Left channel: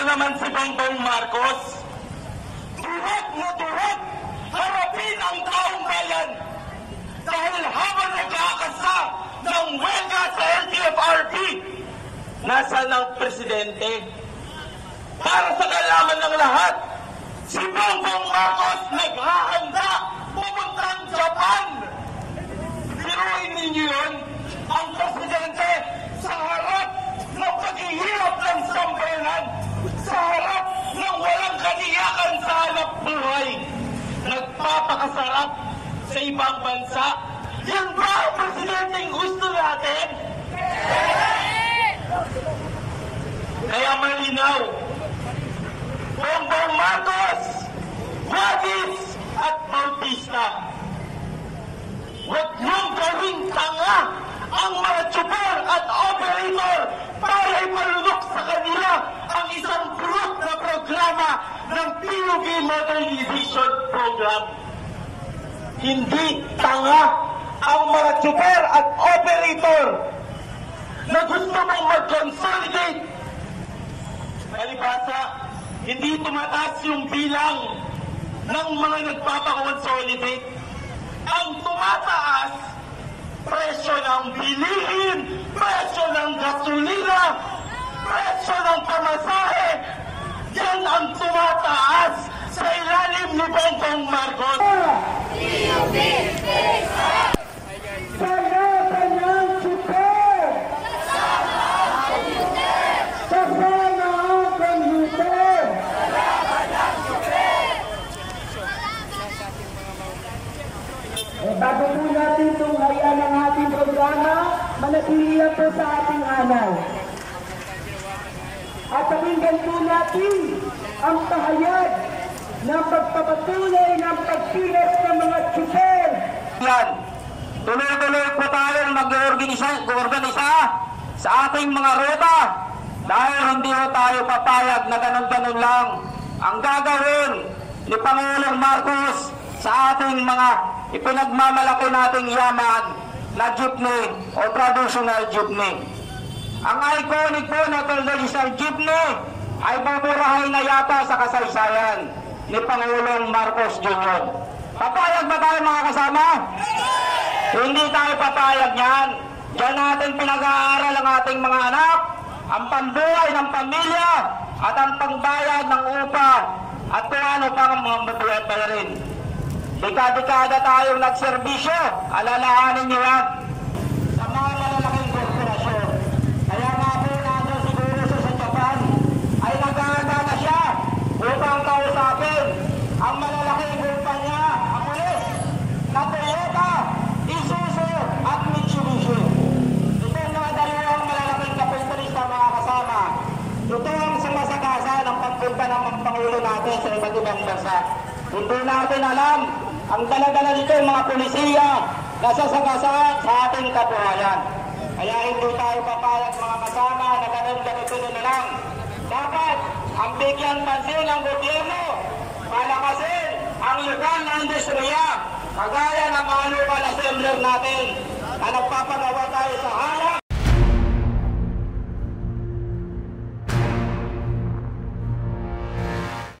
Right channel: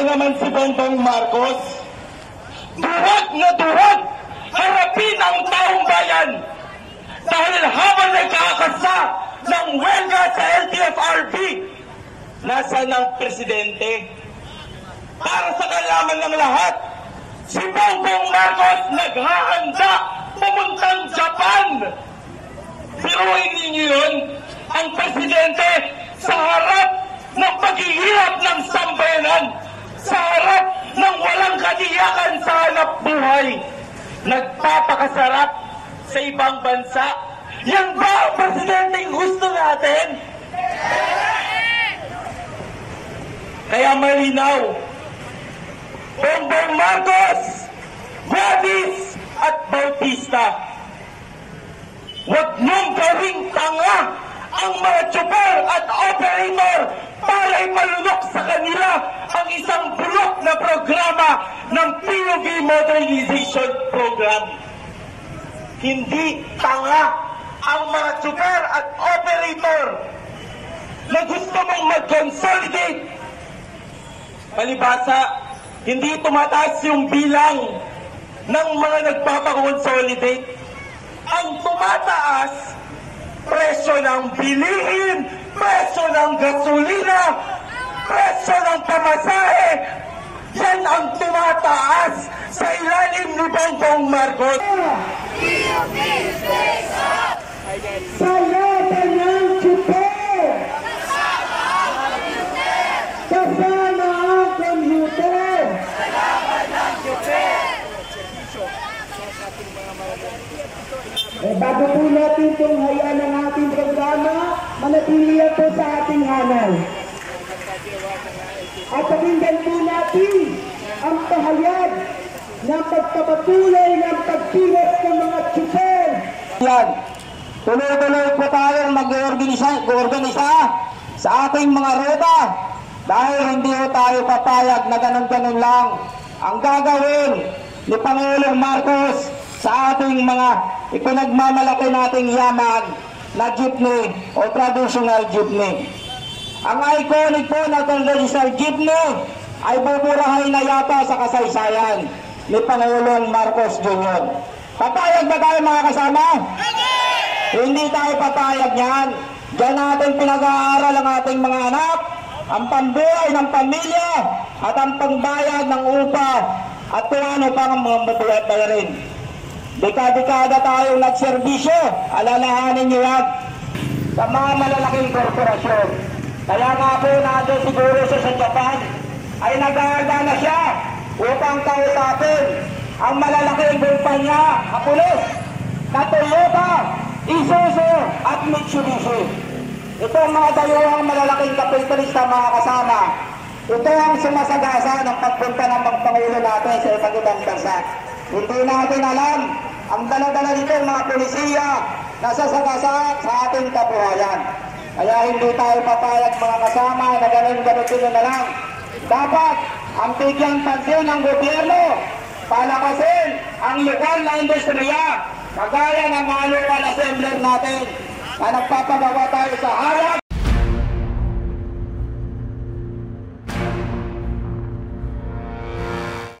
ba naman si Bongbong Marcos? Duwag na duwag harapin ang taong bayan dahil habang nagkakasa ng welga sa LTFRB, nasaan ang presidente? Para sa kalaman ng lahat, si Bongbong Marcos naghahanda pumuntang Japan. Piruin ninyo yun, ang presidente sa harap ng paghihirap ng sambayanan, sa harap ng walang katiyakan sa hanap buhay, nagpapakasarap sa ibang bansa. Yan ba ang presidenteng gusto natin? Kaya malinaw, Bongbong Marcos, Wadis at Bautista, huwag niyong gawing tanga ang mga tsuper at operator para ipalunok sa kanila ang isang bulok na programa ng PUV Modernization Program. Hindi tanga ang mga tsuper at operator na gusto mong mag-consolidate. Palibasa, hindi tumataas yung bilang ng mga nagpapakonsolidate. Ang tumataas, presyo ng bilihin, presyo ng gasolina, presyo ng pamasahe. Yan ang tumataas sa ilalim ni Bongbong Marcos. Sa laban ng tsuper, kasama ang commuter. Bago po natin itong hayaan ng ating programa, manatili po sa ating hanay. At pakinggan po natin ang pahayag ng pagpapatuloy ng pagpilas ng mga tsuper. Yan, tuloy-tuloy po tayong mag-organisa sa ating mga ruta dahil hindi po tayo papayag na ganun-ganun lang ang gagawin ni Pangulong Marcos sa ating mga ipinagmamalaki nating yaman na jeepney o traditional jeepney. Ang iconic po na traditional jeepney ay buburahay na yata sa kasaysayan ni Pangulong Marcos Jr. Papayag ba tayo mga kasama? Hindi tayo papayag yan. Diyan natin pinag-aaral ang ating mga anak, ang pambuhay ng pamilya at ang pangbayad ng upa at kung ano pang mga matuwet pa rin. Dekada-dekada tayong nagserbisyo, alalahanin niyo yan sa mga malalaking korporasyon. Kaya nga po natin siguro sa Japan ay nag-aanda na siya upang kausapin ang malalaking kumpanya, ang pulis, na Toyota, Isuzu at Mitsubishi. Ito ang mga dalawang malalaking kapitalista mga kasama. Ito ang sumasagasa ng pagpunta ng mga pangulo natin sa iba't ibang bansa. Hindi natin alam ang dala-dala nito mga polisiya na sasagasa sa ating kabuhayan. Kaya hindi tayo papayag mga kasama na ganun-ganun na lang. Dapat ang bigyan pansin ng gobyerno, palakasin ang lokal na industriya, kagaya ng mga local assembler natin na nagpapagawa tayo sa harap